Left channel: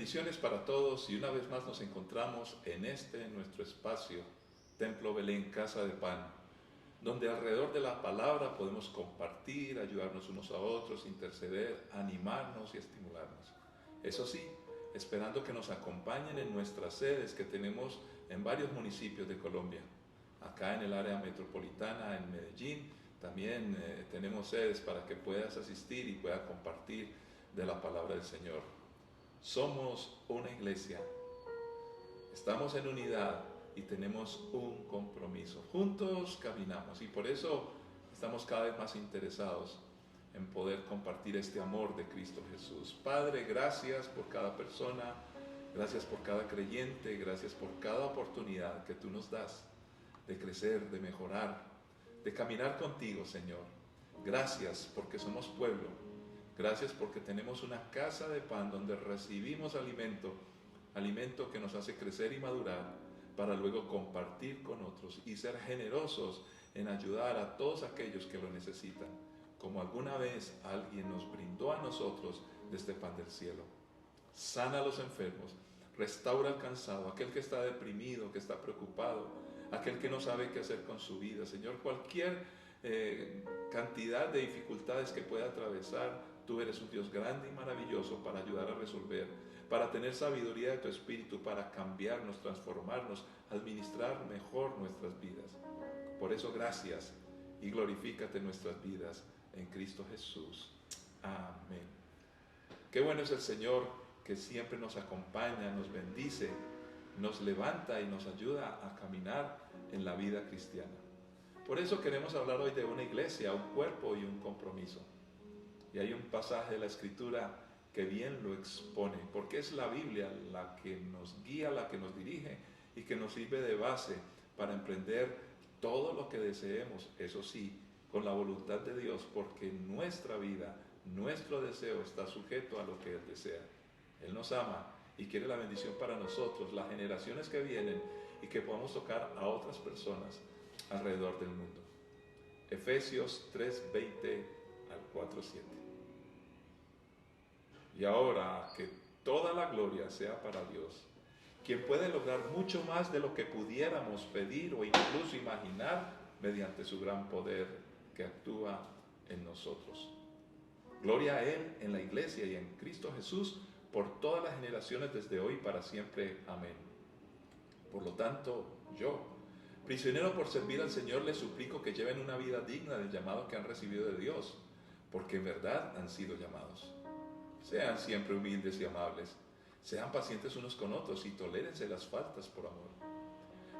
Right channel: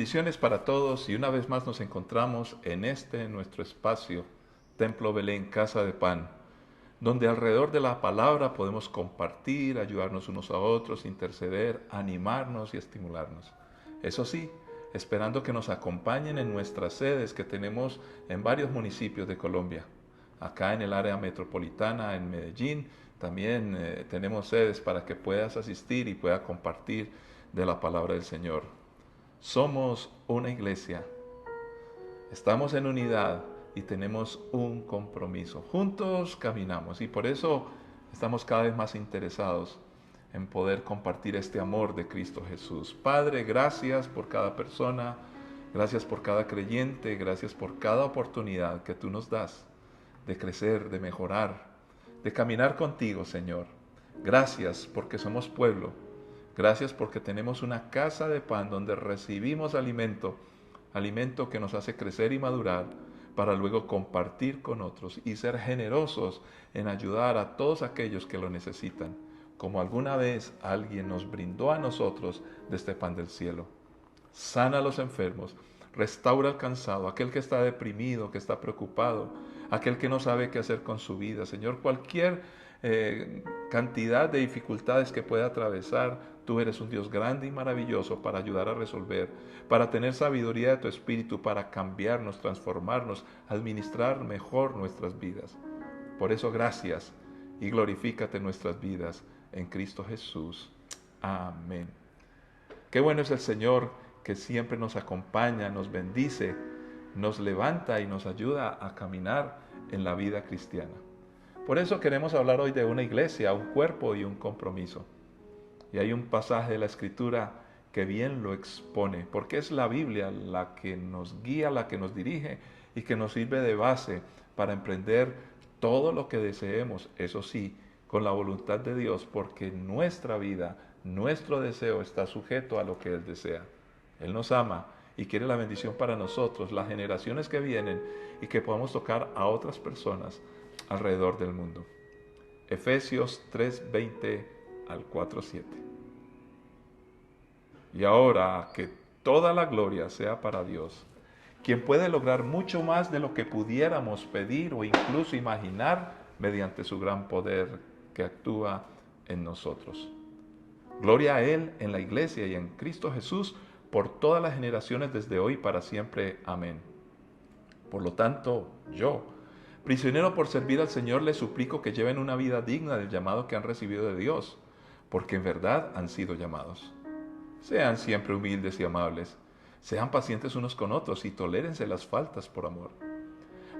Bendiciones para todos y una vez más nos encontramos en nuestro espacio, Templo Belén, Casa de Pan, donde alrededor de la palabra podemos compartir, ayudarnos unos a otros, interceder, animarnos y estimularnos. Eso sí, esperando que nos acompañen en nuestras sedes que tenemos en varios municipios de Colombia. Acá en el área metropolitana, en Medellín, también tenemos sedes para que puedas asistir y puedas compartir de la palabra del Señor. Somos una iglesia, estamos en unidad y tenemos un compromiso. Juntos caminamos y por eso estamos cada vez más interesados en poder compartir este amor de Cristo Jesús. Padre, gracias por cada persona, gracias por cada creyente, gracias por cada oportunidad que tú nos das de crecer, de mejorar, de caminar contigo, Señor. Gracias porque somos pueblo. Gracias porque tenemos una casa de pan donde recibimos alimento, alimento que nos hace crecer y madurar para luego compartir con otros y ser generosos en ayudar a todos aquellos que lo necesitan, como alguna vez alguien nos brindó a nosotros de este pan del cielo. Sana a los enfermos, restaura al cansado, aquel que está deprimido, que está preocupado, aquel que no sabe qué hacer con su vida. Señor, cualquier cantidad de dificultades que pueda atravesar, tú eres un Dios grande y maravilloso para ayudar a resolver, para tener sabiduría de tu Espíritu, para cambiarnos, transformarnos, administrar mejor nuestras vidas. Por eso gracias y glorifícate en nuestras vidas en Cristo Jesús. Amén. Qué bueno es el Señor que siempre nos acompaña, nos bendice, nos levanta y nos ayuda a caminar en la vida cristiana. Por eso queremos hablar hoy de una iglesia, un cuerpo y un compromiso. Y hay un pasaje de la Escritura que bien lo expone, porque es la Biblia la que nos guía, la que nos dirige y que nos sirve de base para emprender todo lo que deseemos, eso sí, con la voluntad de Dios, porque nuestra vida, nuestro deseo está sujeto a lo que Él desea. Él nos ama y quiere la bendición para nosotros, las generaciones que vienen y que podamos tocar a otras personas alrededor del mundo. Efesios 3:20 al 4:7. Y ahora que toda la gloria sea para Dios, quien puede lograr mucho más de lo que pudiéramos pedir o incluso imaginar mediante su gran poder que actúa en nosotros. Gloria a Él en la iglesia y en Cristo Jesús por todas las generaciones desde hoy para siempre. Amén. Por lo tanto, yo, prisionero por servir al Señor, les suplico que lleven una vida digna del llamado que han recibido de Dios, porque en verdad han sido llamados. Sean siempre humildes y amables, sean pacientes unos con otros y tolérense las faltas por amor.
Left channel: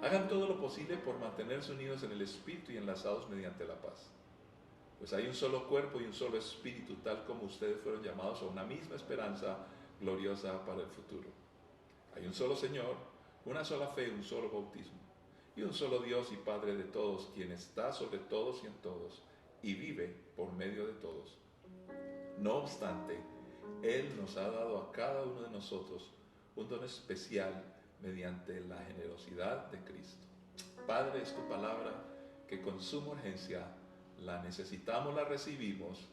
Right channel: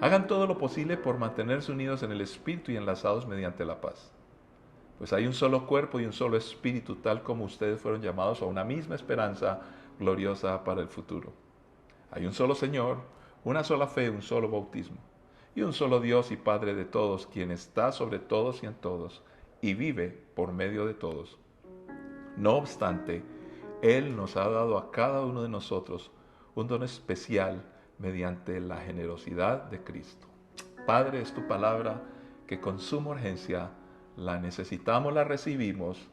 Hagan todo lo posible por mantenerse unidos en el Espíritu y enlazados mediante la paz. Pues hay un solo cuerpo y un solo espíritu, tal como ustedes fueron llamados a una misma esperanza gloriosa para el futuro. Hay un solo Señor, una sola fe, un solo bautismo, y un solo Dios y Padre de todos, quien está sobre todos y en todos, y vive por medio de todos. No obstante, Él nos ha dado a cada uno de nosotros un don especial mediante la generosidad de Cristo. Padre, es tu palabra que con suma urgencia la necesitamos, la recibimos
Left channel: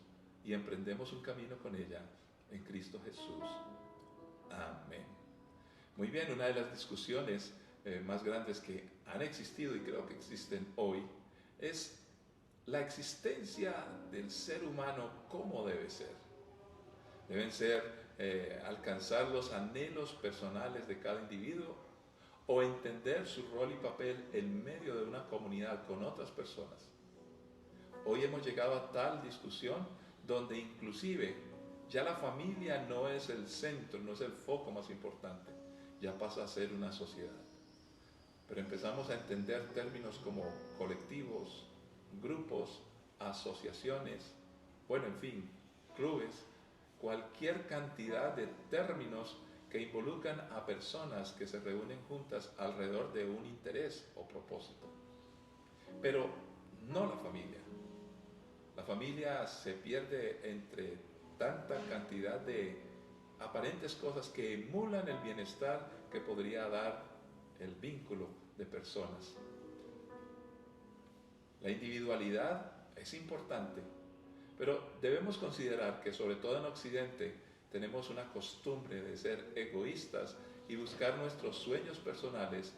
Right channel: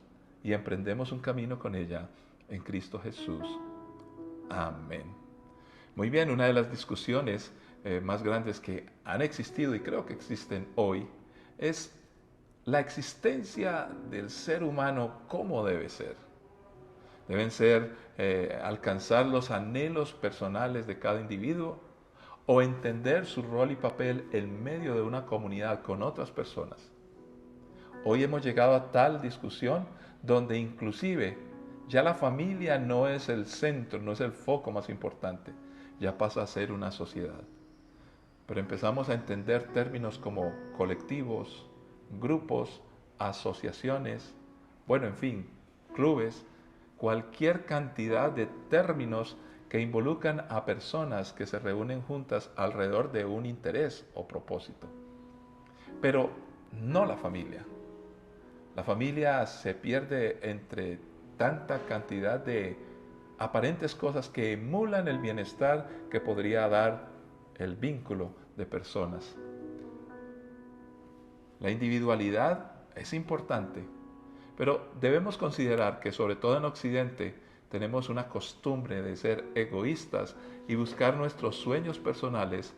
y emprendemos un camino con ella en Cristo Jesús. Amén. Muy bien, una de las discusiones más grandes que han existido y creo que existen hoy es la existencia del ser humano, ¿cómo debe ser? Deben ser alcanzar los anhelos personales de cada individuo o entender su rol y papel en medio de una comunidad con otras personas. Hoy hemos llegado a tal discusión donde inclusive ya la familia no es el centro, no es el foco más importante, ya pasa a ser una sociedad. Pero empezamos a entender términos como colectivos, grupos, asociaciones, bueno, en fin, clubes, cualquier cantidad de términos que involucran a personas que se reúnen juntas alrededor de un interés o propósito. Pero no la familia. La familia se pierde entre tanta cantidad de aparentes cosas que emulan el bienestar que podría dar el vínculo de personas. La individualidad es importante, pero debemos considerar que sobre todo en Occidente tenemos una costumbre de ser egoístas y buscar nuestros sueños personales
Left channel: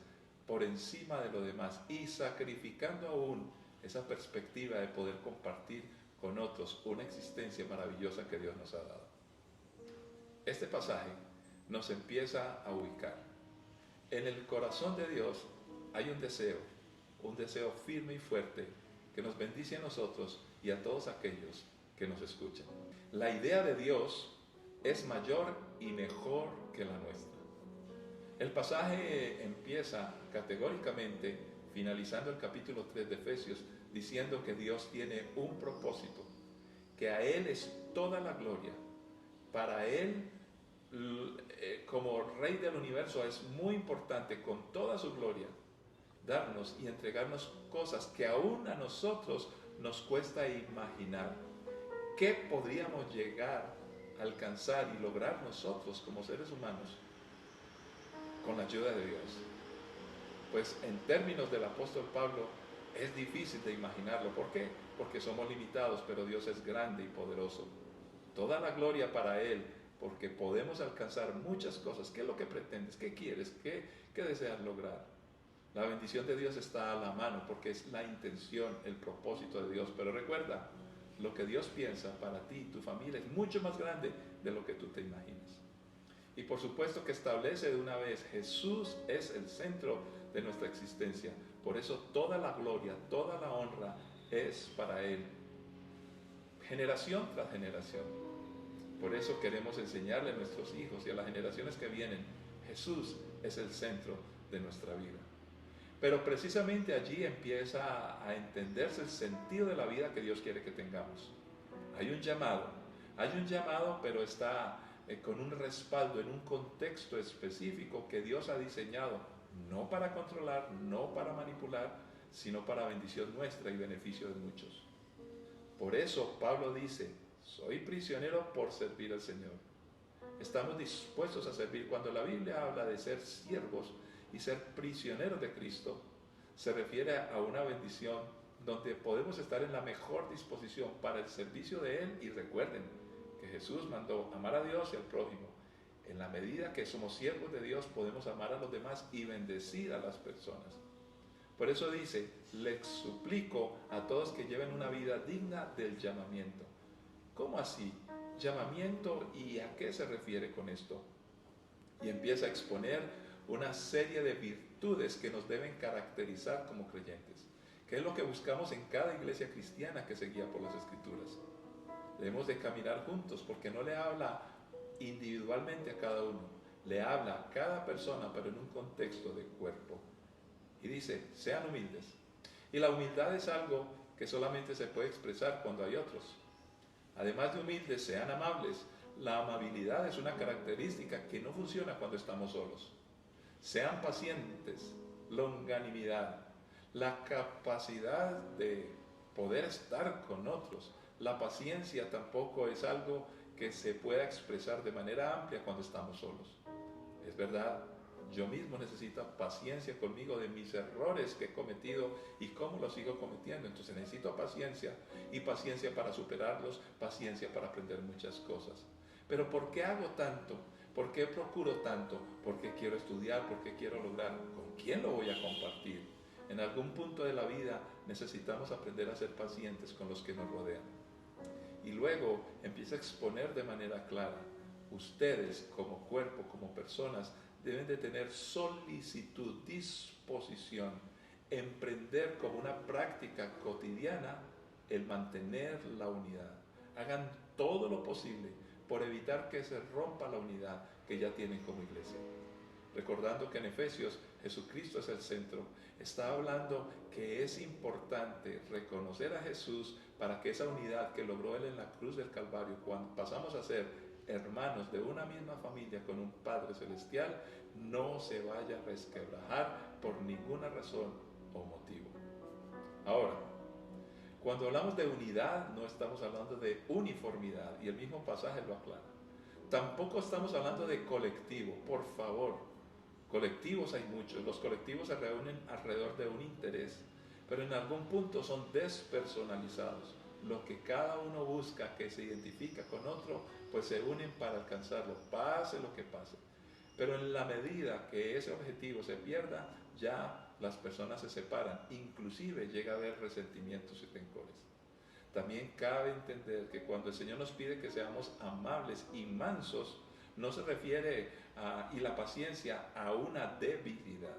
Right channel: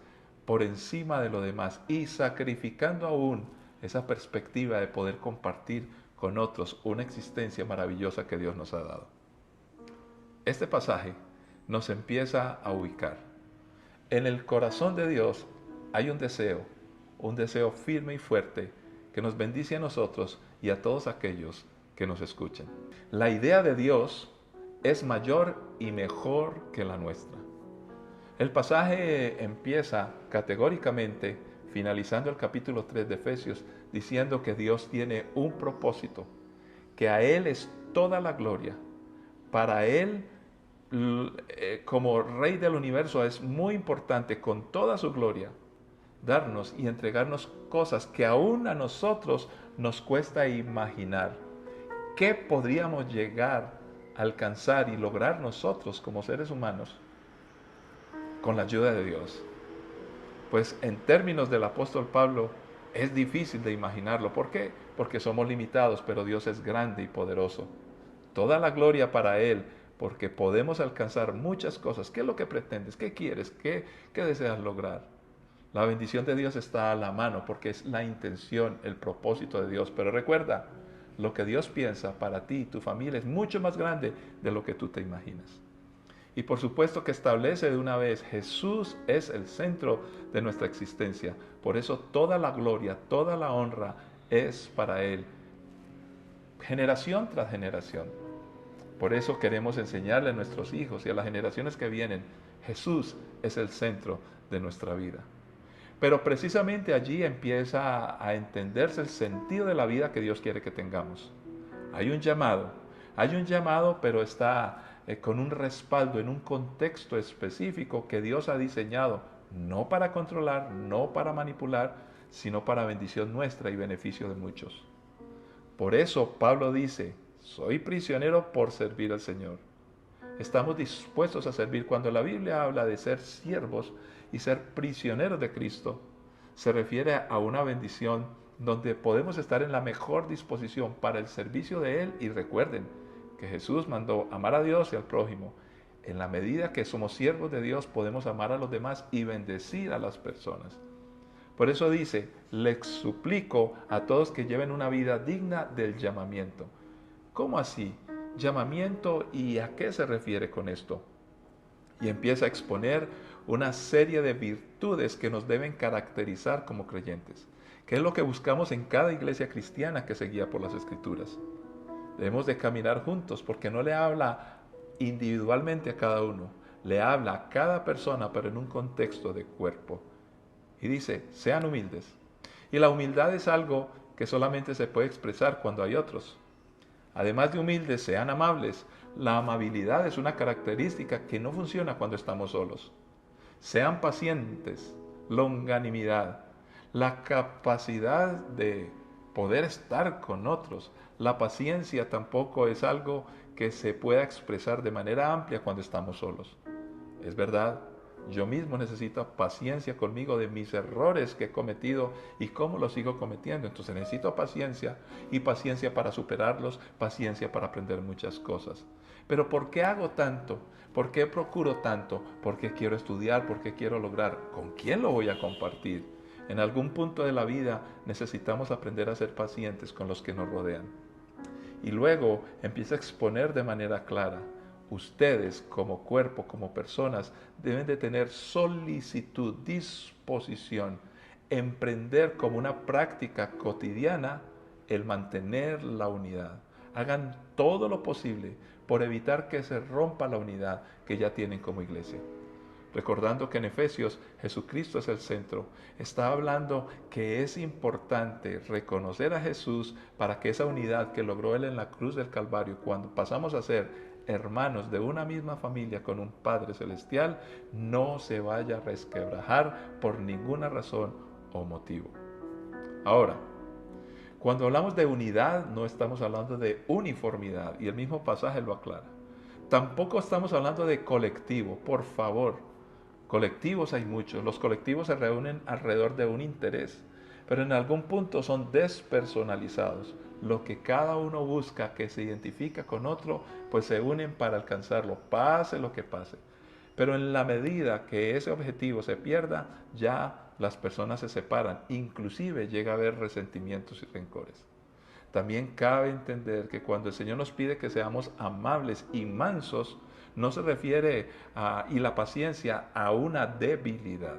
por encima de lo demás y sacrificando aún esa perspectiva de poder compartir con otros una existencia maravillosa que Dios nos ha dado. Este pasaje nos empieza a ubicar. En el corazón de Dios hay un deseo firme y fuerte que nos bendice a nosotros y a todos aquellos que nos escuchan. La idea de Dios es mayor y mejor que la nuestra. El pasaje empieza categóricamente, finalizando el capítulo 3 de Efesios, diciendo que Dios tiene un propósito, que a Él es toda la gloria. Para Él, como Rey del universo, es muy importante con toda su gloria darnos y entregarnos cosas que aún a nosotros nos cuesta imaginar. ¿Qué podríamos llegar a alcanzar y lograr nosotros como seres humanos con la ayuda de Dios? Pues en términos del apóstol Pablo es difícil de imaginarlo. ¿Por qué? Porque somos limitados, pero Dios es grande y poderoso. Toda la gloria para Él, porque podemos alcanzar muchas cosas. ¿Qué es lo que pretendes? ¿Qué quieres? ¿Qué deseas lograr? La bendición de Dios está a la mano porque es la intención, el propósito de Dios. Pero recuerda, lo que Dios piensa para ti y tu familia es mucho más grande de lo que tú te imaginas. Y por supuesto que establece de una vez, Jesús es el centro de nuestra existencia. Por eso toda la gloria, toda la honra es para Él, generación tras generación. Por eso queremos enseñarle a nuestros hijos y a las generaciones que vienen, Jesús es el centro de nuestra vida. Pero precisamente allí empieza a entenderse el sentido de la vida que Dios quiere que tengamos. Hay un llamado, pero está con un respaldo en un contexto específico que Dios ha diseñado, no para controlar, no para manipular, sino para bendición nuestra y beneficio de muchos. Por eso Pablo dice, soy prisionero por servir al Señor. Estamos dispuestos a servir. Cuando la Biblia habla de ser siervos y ser prisioneros de Cristo, se refiere a una bendición donde podemos estar en la mejor disposición para el servicio de Él. Y recuerden que Jesús mandó amar a Dios y al prójimo. En la medida que somos siervos de Dios, podemos amar a los demás y bendecir a las personas. Por eso dice, les suplico a todos que lleven una vida digna del llamamiento. ¿Cómo así? ¿Llamamiento? ¿Y a qué se refiere con esto? Y empieza a exponer una serie de virtudes que nos deben caracterizar como creyentes, que es lo que buscamos en cada iglesia cristiana que se guía por las Escrituras. Debemos de caminar juntos porque no le habla individualmente a cada uno, le habla a cada persona, pero en un contexto de cuerpo. Y dice, sean humildes. Y la humildad es algo que solamente se puede expresar cuando hay otros. Además de humildes, sean amables. La amabilidad es una característica que no funciona cuando estamos solos. Sean pacientes, longanimidad, la capacidad de poder estar con otros. La paciencia tampoco es algo que se pueda expresar de manera amplia cuando estamos solos. Es verdad, yo mismo necesito paciencia conmigo de mis errores que he cometido y cómo los sigo cometiendo. Entonces necesito paciencia y paciencia para superarlos, paciencia para aprender muchas cosas. Pero ¿por qué hago tanto? ¿Por qué procuro tanto? ¿Por qué quiero estudiar? ¿Por qué quiero lograr? ¿Con quién lo voy a compartir? En algún punto de la vida necesitamos aprender a ser pacientes con los que nos rodean. Y luego empieza a exponer de manera clara. Ustedes como cuerpo, como personas, deben de tener solicitud, disposición, emprender como una práctica cotidiana el mantener la unidad. Hagan todo lo posible por evitar que se rompa la unidad que ya tienen como iglesia. Recordando que en Efesios Jesucristo es el centro, está hablando que es importante reconocer a Jesús para que esa unidad que logró Él en la cruz del Calvario, cuando pasamos a ser hermanos de una misma familia con un Padre Celestial, no se vaya a resquebrajar por ninguna razón o motivo. Ahora, cuando hablamos de unidad, no estamos hablando de uniformidad, y el mismo pasaje lo aclara. Tampoco estamos hablando de colectivo, por favor. Colectivos hay muchos, los colectivos se reúnen alrededor de un interés, pero en algún punto son despersonalizados. lo que cada uno busca, que se identifica con otro, pues se unen para alcanzarlo, pase lo que pase. Pero en la medida que ese objetivo se pierda, ya las personas se separan, inclusive llega a haber resentimientos y rencores. También cabe entender que cuando el Señor nos pide que seamos amables y mansos, no se refiere y la paciencia a una debilidad.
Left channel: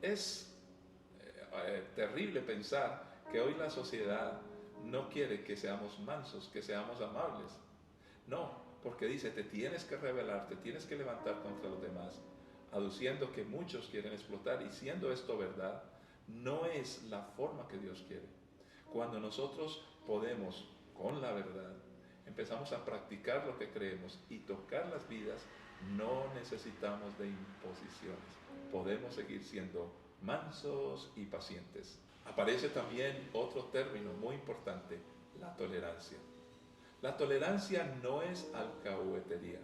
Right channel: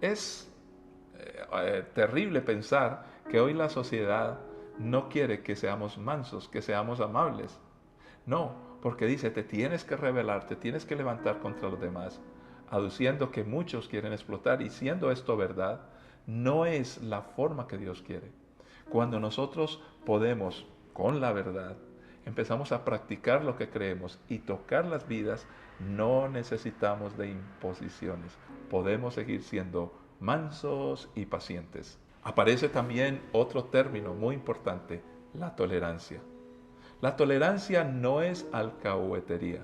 Es terrible pensar que hoy la sociedad no quiere que seamos mansos, que seamos amables. No, porque dice, te tienes que rebelar, te tienes que levantar contra los demás, aduciendo que muchos quieren explotar, y siendo esto verdad, no es la forma que Dios quiere. Cuando nosotros podemos, con la verdad, empezamos a practicar lo que creemos y tocar las vidas, no necesitamos de imposiciones. Podemos seguir siendo mansos y pacientes. Aparece también otro término muy importante, la tolerancia. La tolerancia no es alcahuetería.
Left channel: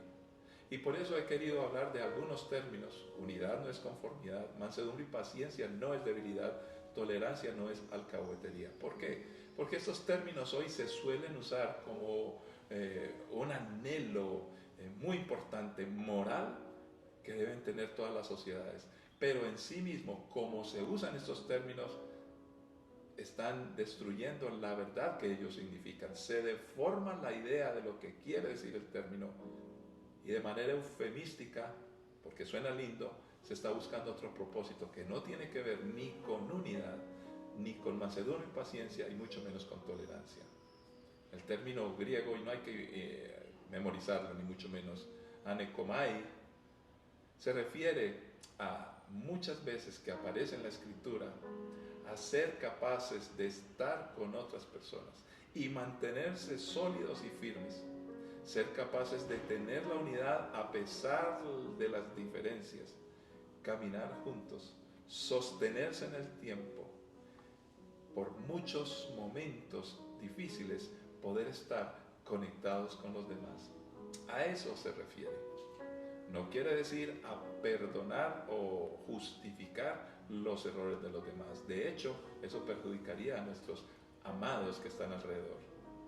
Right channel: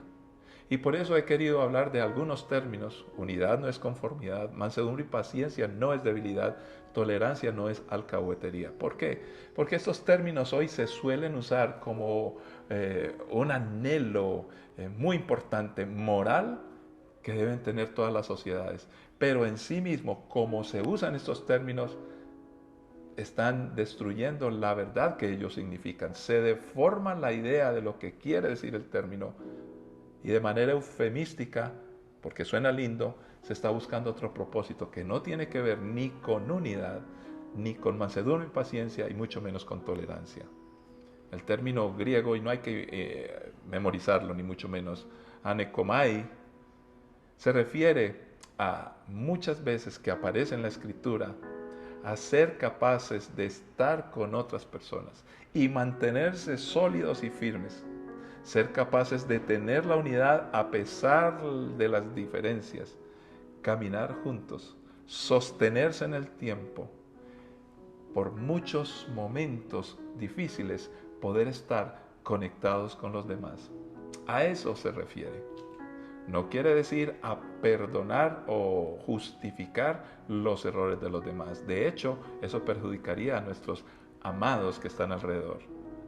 Y por eso he querido hablar de algunos términos. Unidad no es conformidad, mansedumbre y paciencia no es debilidad, tolerancia no es alcahuetería. ¿Por qué? Porque estos términos hoy se suelen usar como un anhelo muy importante, moral, que deben tener todas las sociedades. Pero en sí mismo, como se usan estos términos, están destruyendo la verdad que ellos significan. Se deforma la idea de lo que quiere decir el término y de manera eufemística, porque suena lindo, se está buscando otro propósito que no tiene que ver ni con unidad, ni con mansedumbre y paciencia, y mucho menos con tolerancia. El término griego, y no hay que memorizarlo, ni mucho menos, anekomai, se refiere a muchas veces que aparece en la escritura a ser capaces de estar con otras personas y mantenerse sólidos y firmes, ser capaces de tener la unidad a pesar de las diferencias, caminar juntos, sostenerse en el tiempo, por muchos momentos difíciles, poder estar conectados con los demás. A eso se refiere. No quiere decir a perdonar o justificar los errores de los demás. De hecho, eso perjudicaría a nuestros amados que están alrededor.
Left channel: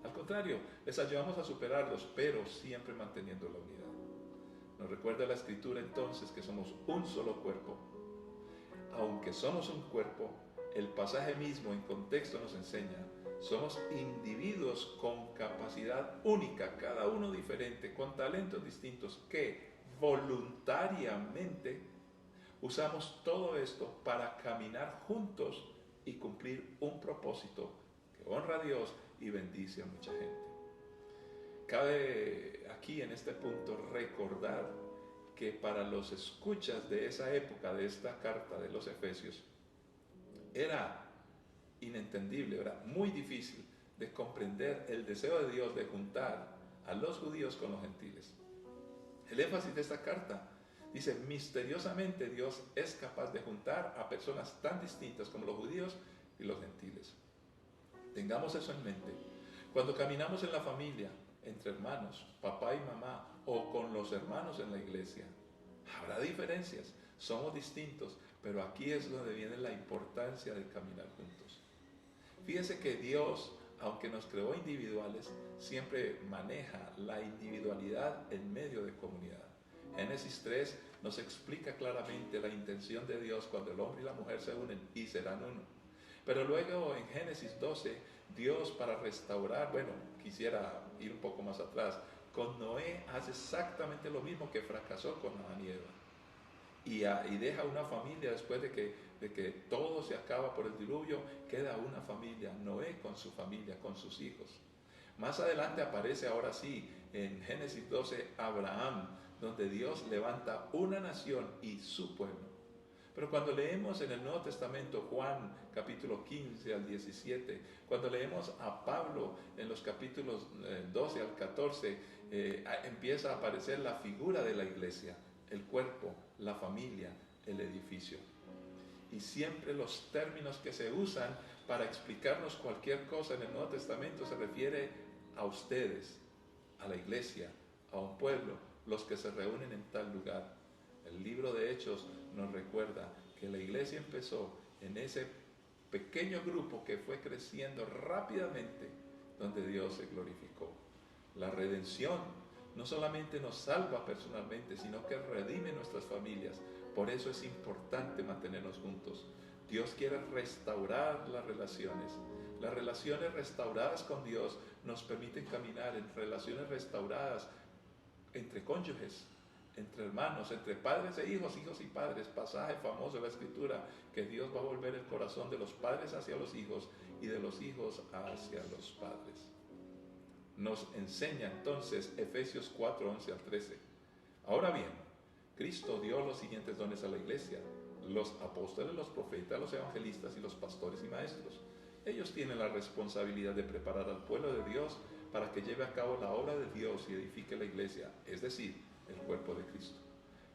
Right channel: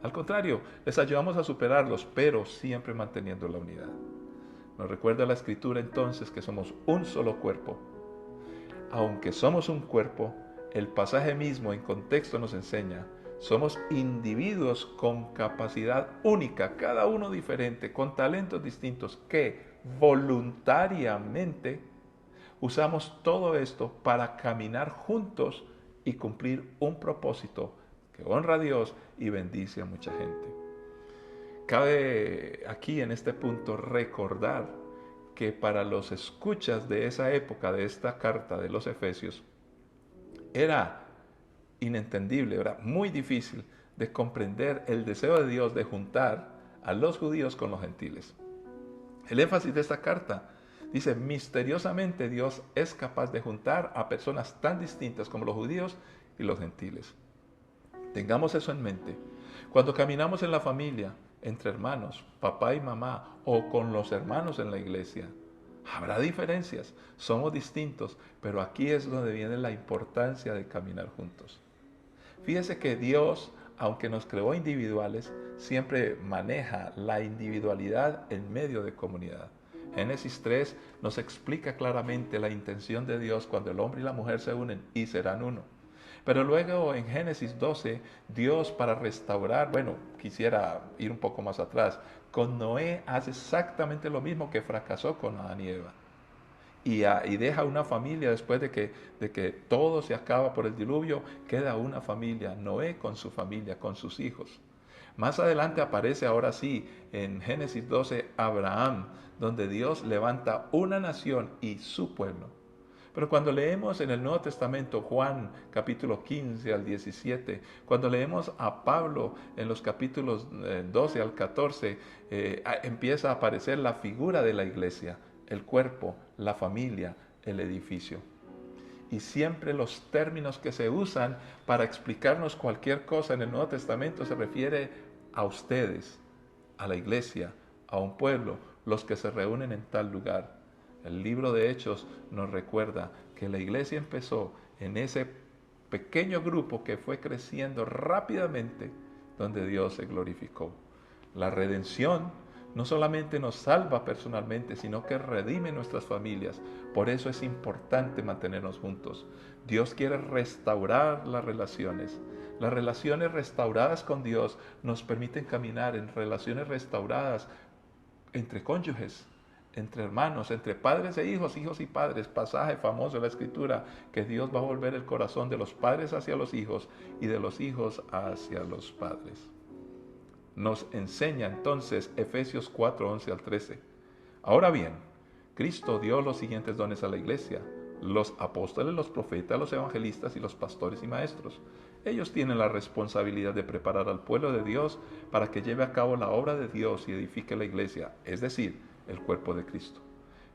Al contrario, les ayudamos a superarlos, pero siempre manteniendo la unidad. Nos recuerda la Escritura entonces que somos un solo cuerpo. Aunque somos un cuerpo, el pasaje mismo en contexto nos enseña, somos individuos con capacidad única, cada uno diferente, con talentos distintos, que voluntariamente usamos todo esto para caminar juntos y cumplir un propósito que honra a Dios y bendice a mucha gente. Cabe aquí en este punto recordar que para los escuchas de esa época, de esta carta de los Efesios, era inentendible, era muy difícil de comprender el deseo de Dios de juntar a los judíos con los gentiles. El énfasis de esta carta dice, misteriosamente Dios es capaz de juntar a personas tan distintas como los judíos y los gentiles. Tengamos eso en mente. Cuando caminamos en la familia, entre hermanos, papá y mamá, o con los hermanos en la iglesia, habrá diferencias, somos distintos, pero aquí es donde viene la importancia de caminar juntos. Fíjese que Dios, aunque nos creó individuales, siempre maneja la individualidad en medio de comunidad. Génesis 3 nos explica claramente la intención de Dios cuando el hombre y la mujer se unen y serán uno. Pero luego en Génesis 12, Dios para restaurar, bueno, quisiera ir un poco más atrás, con Noé hace exactamente lo mismo que fracasó con Adán y Eva. Y deja una familia después de que todo se acaba por el diluvio, queda una familia, Noé con su familia, con sus hijos. Más adelante aparece ahora sí en Génesis 12 Abraham, donde Dios levanta una nación y su pueblo. Pero cuando leemos en el Nuevo Testamento Juan capítulo 15 al 17, cuando leemos a Pablo en los capítulos 12 al 14, empieza a aparecer la figura de la iglesia, el cuerpo, la familia, el edificio. Y siempre los términos que se usan para explicarnos cualquier cosa en el Nuevo Testamento se refiere a ustedes, a la iglesia, a un pueblo, los que se reúnen en tal lugar. El libro de Hechos nos recuerda que la iglesia empezó en ese pequeño grupo que fue creciendo rápidamente donde Dios se glorificó. La redención no solamente nos salva personalmente, sino que redime nuestras familias. Por eso es importante mantenernos juntos. Dios quiere restaurar las relaciones. Las relaciones restauradas con Dios nos permiten caminar en relaciones restauradas entre cónyuges, entre hermanos, entre padres e hijos, hijos y padres. Pasaje famoso de la Escritura, que Dios va a volver el corazón de los padres hacia los hijos y de los hijos hacia los padres. Nos enseña entonces Efesios 4, 11 al 13. Ahora bien, Cristo dio los siguientes dones a la iglesia: los apóstoles, los profetas, los evangelistas y los pastores y maestros. Ellos tienen la responsabilidad de preparar al pueblo de Dios para que lleve a cabo la obra de Dios y edifique la iglesia, es decir, el cuerpo de Cristo.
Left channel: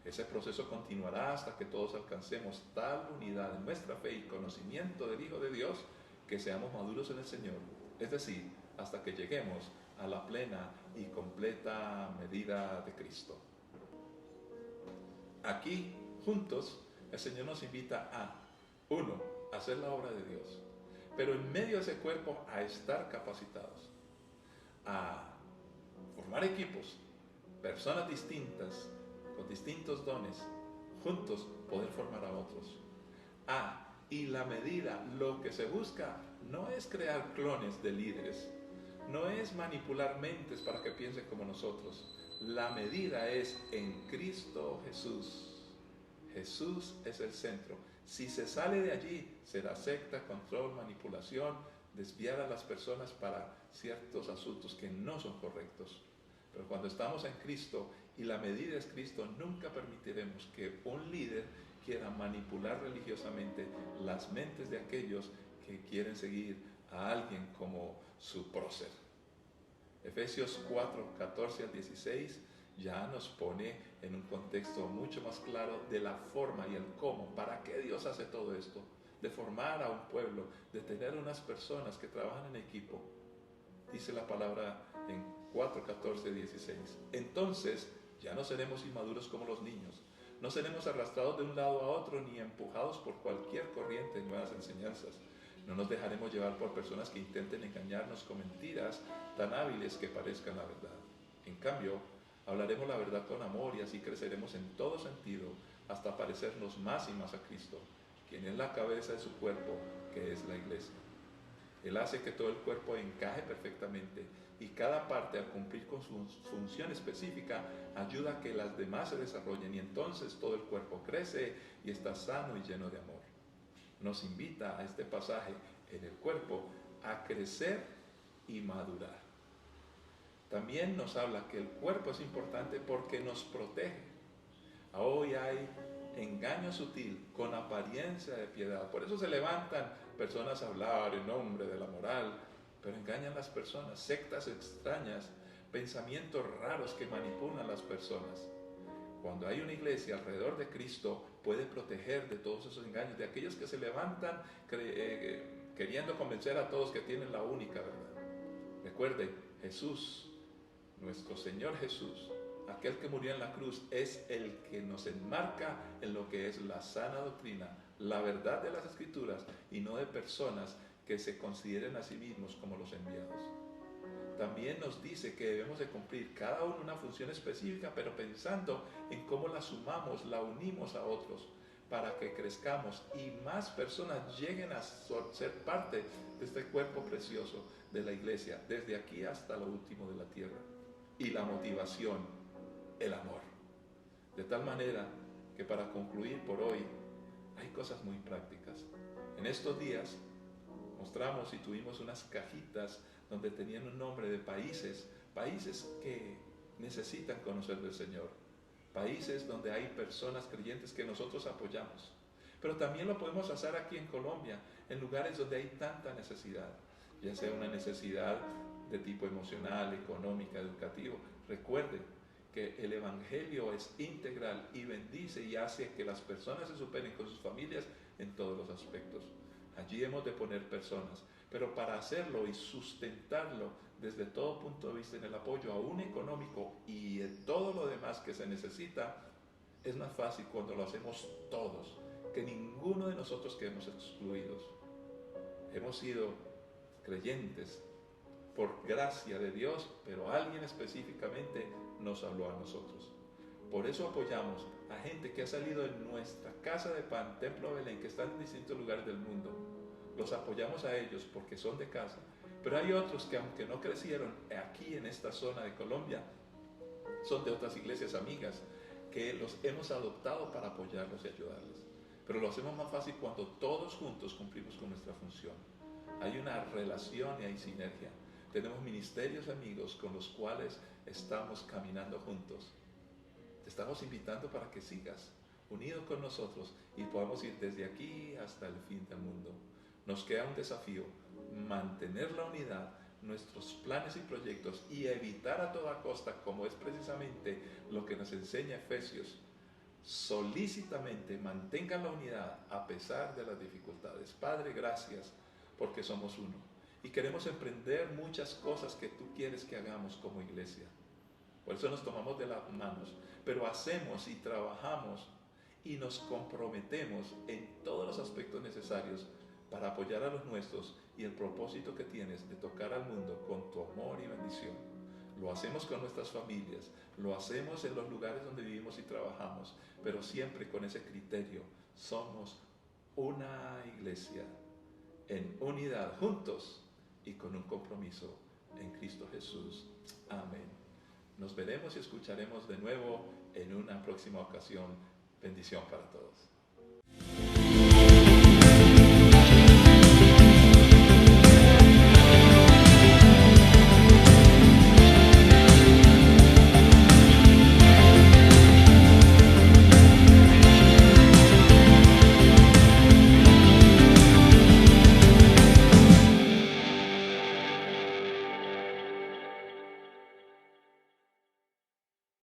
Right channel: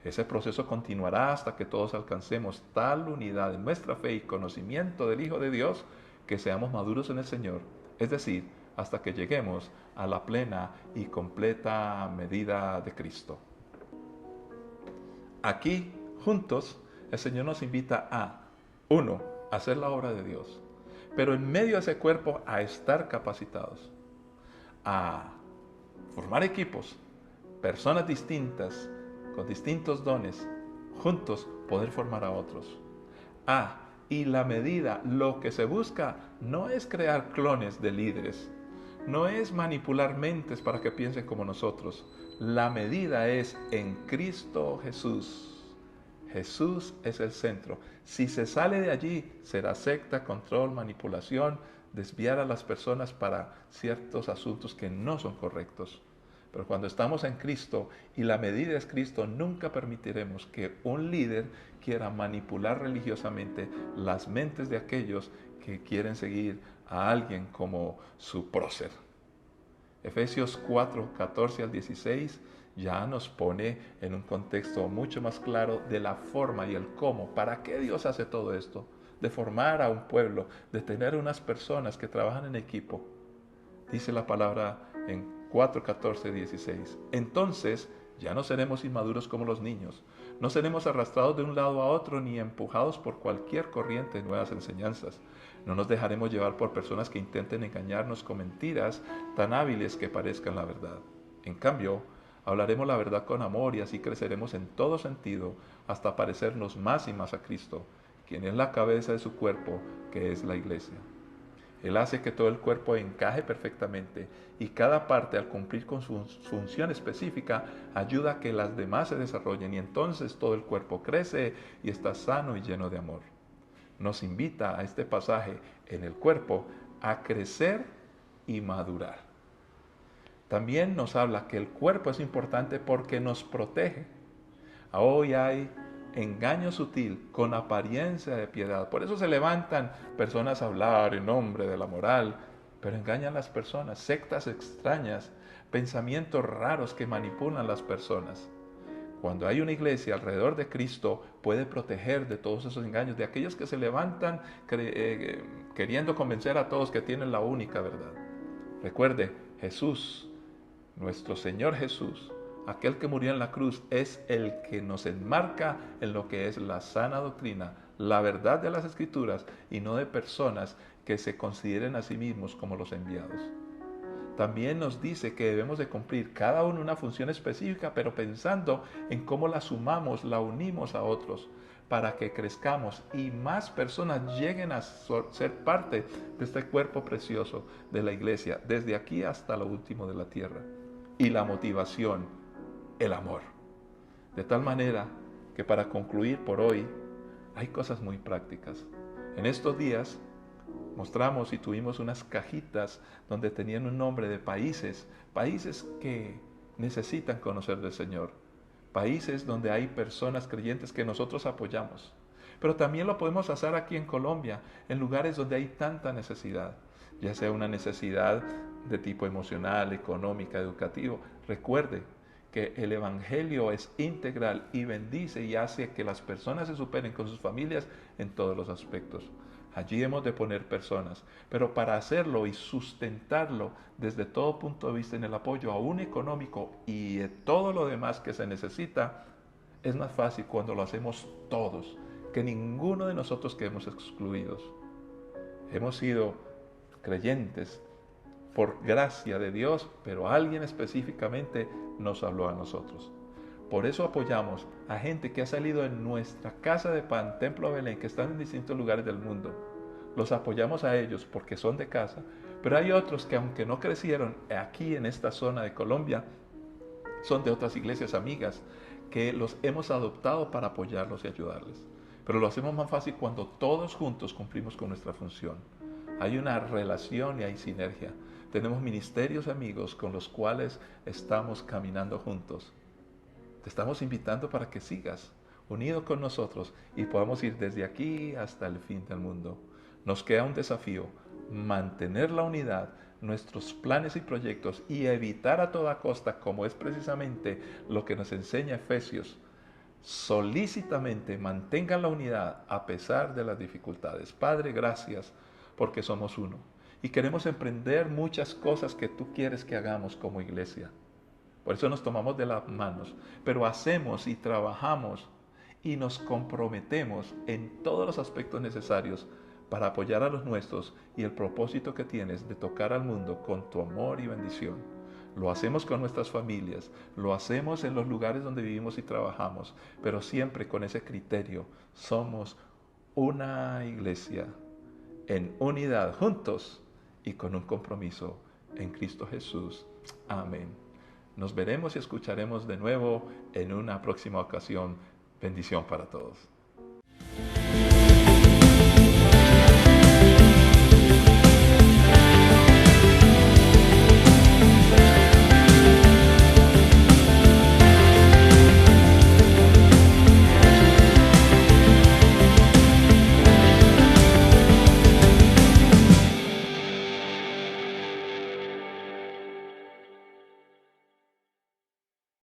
Ese proceso continuará hasta que todos alcancemos tal unidad en nuestra fe y conocimiento del Hijo de Dios que seamos maduros en el Señor, es decir, hasta que lleguemos a la plena y completa medida de Cristo. Aquí, juntos, el Señor nos invita a, 1, hacer la obra de Dios, pero en medio de ese cuerpo a estar capacitados, a formar equipos, personas distintas, con distintos dones, juntos poder formar a otros. Y la medida, lo que se busca no es crear clones de líderes, no es manipular mentes para que piensen como nosotros. La medida es en Cristo Jesús. Jesús es el centro. Si se sale de allí, será secta, control, manipulación, desviar a las personas para ciertos asuntos que no son correctos. Pero cuando estamos en Cristo y la medida es Cristo, nunca permitiremos que un líder quiera manipular religiosamente las mentes de aquellos que quieren seguir a alguien como su prócer. Efesios 4, 14 al 16 ya nos pone en un contexto mucho más claro de la forma y el cómo, para qué Dios hace todo esto, de formar a un pueblo, de tener unas personas que trabajan en equipo. Dice la palabra en 4, 14, 16. Entonces ya no seremos inmaduros como los niños, no seremos arrastrados de un lado a otro ni empujados por cualquier corriente de nuevas enseñanzas. No nos dejaremos llevar por personas que intenten engañarnos con mentiras tan hábiles que parezcan la verdad. En cambio, hablaremos la verdad con amor y así creceremos en todo sentido hasta parecernos más y más a Cristo, quien es la cabeza de su cuerpo, que es la iglesia. Él hace que todo el cuerpo encaje perfectamente y cada parte, al cumplir con su función específica, ayuda a que las demás se desarrollen y entonces todo el cuerpo crece y está sano y lleno de amor. Nos invita a este pasaje en el cuerpo a crecer y madurar. También nos habla que el cuerpo es importante porque nos protege. Hoy hay engaño sutil con apariencia de piedad. Por eso se levantan personas a hablar en nombre de la moral, pero engañan a las personas, sectas extrañas, pensamientos raros que manipulan a las personas. Cuando hay una iglesia alrededor de Cristo, puede proteger de todos esos engaños, de aquellos que se levantan queriendo convencer a todos que tienen la única verdad. Recuerde, Jesús, nuestro Señor Jesús, aquel que murió en la cruz, es el que nos enmarca en lo que es la sana doctrina, la verdad de las Escrituras y no de personas que se consideren a sí mismos como los enviados. También nos dice que debemos de cumplir cada uno una función específica, pero pensando en cómo la sumamos, la unimos a otros, para que crezcamos y más personas lleguen a ser parte de este cuerpo precioso de la iglesia, desde aquí hasta lo último de la tierra. Y la motivación, el amor. De tal manera que para concluir por hoy, hay cosas muy prácticas. En estos días mostramos y tuvimos unas cajitas donde tenían un nombre de países que necesitan conocer del Señor, países donde hay personas creyentes que nosotros apoyamos. Pero también lo podemos hacer aquí en Colombia, en lugares donde hay tanta necesidad, ya sea una necesidad de tipo emocional, económica, educativo. Recuerde que el Evangelio es integral y bendice y hace que las personas se superen con sus familias en todos los aspectos. Allí hemos de poner personas, pero para hacerlo y sustentarlo desde todo punto de vista en el apoyo aún económico y de todo lo demás que se necesita, es más fácil cuando lo hacemos todos, que ninguno de nosotros quedemos excluidos. Hemos sido creyentes por gracia de Dios, pero alguien específicamente nos habló a nosotros. Por eso apoyamos a gente que ha salido en nuestra Casa de Pan, Templo Belén, que están en distintos lugares del mundo. Los apoyamos a ellos porque son de casa, pero hay otros que aunque no crecieron aquí en esta zona de Colombia, son de otras iglesias amigas que los hemos adoptado para apoyarlos y ayudarles. Pero lo hacemos más fácil cuando todos juntos cumplimos con nuestra función. Hay una relación y hay sinergia. Tenemos ministerios amigos con los cuales estamos caminando juntos. Te estamos invitando para que sigas unido con nosotros y podamos ir desde aquí hasta el fin del mundo. Nos queda un desafío: mantener la unidad, nuestros planes y proyectos, y evitar a toda costa, como es precisamente lo que nos enseña Efesios, solícitamente mantengan la unidad a pesar de las dificultades. Padre, gracias porque somos uno y queremos emprender muchas cosas que tú quieres que hagamos como iglesia. Por eso nos tomamos de las manos, pero hacemos y trabajamos y nos comprometemos en todos los aspectos necesarios para apoyar a los nuestros y el propósito que tienes de tocar al mundo con tu amor y bendición. Lo hacemos con nuestras familias, lo hacemos en los lugares donde vivimos y trabajamos, pero siempre con ese criterio: somos una iglesia en unidad, juntos y con un compromiso en Cristo Jesús. Amén. Nos veremos y escucharemos de nuevo en una próxima ocasión. Bendición para todos.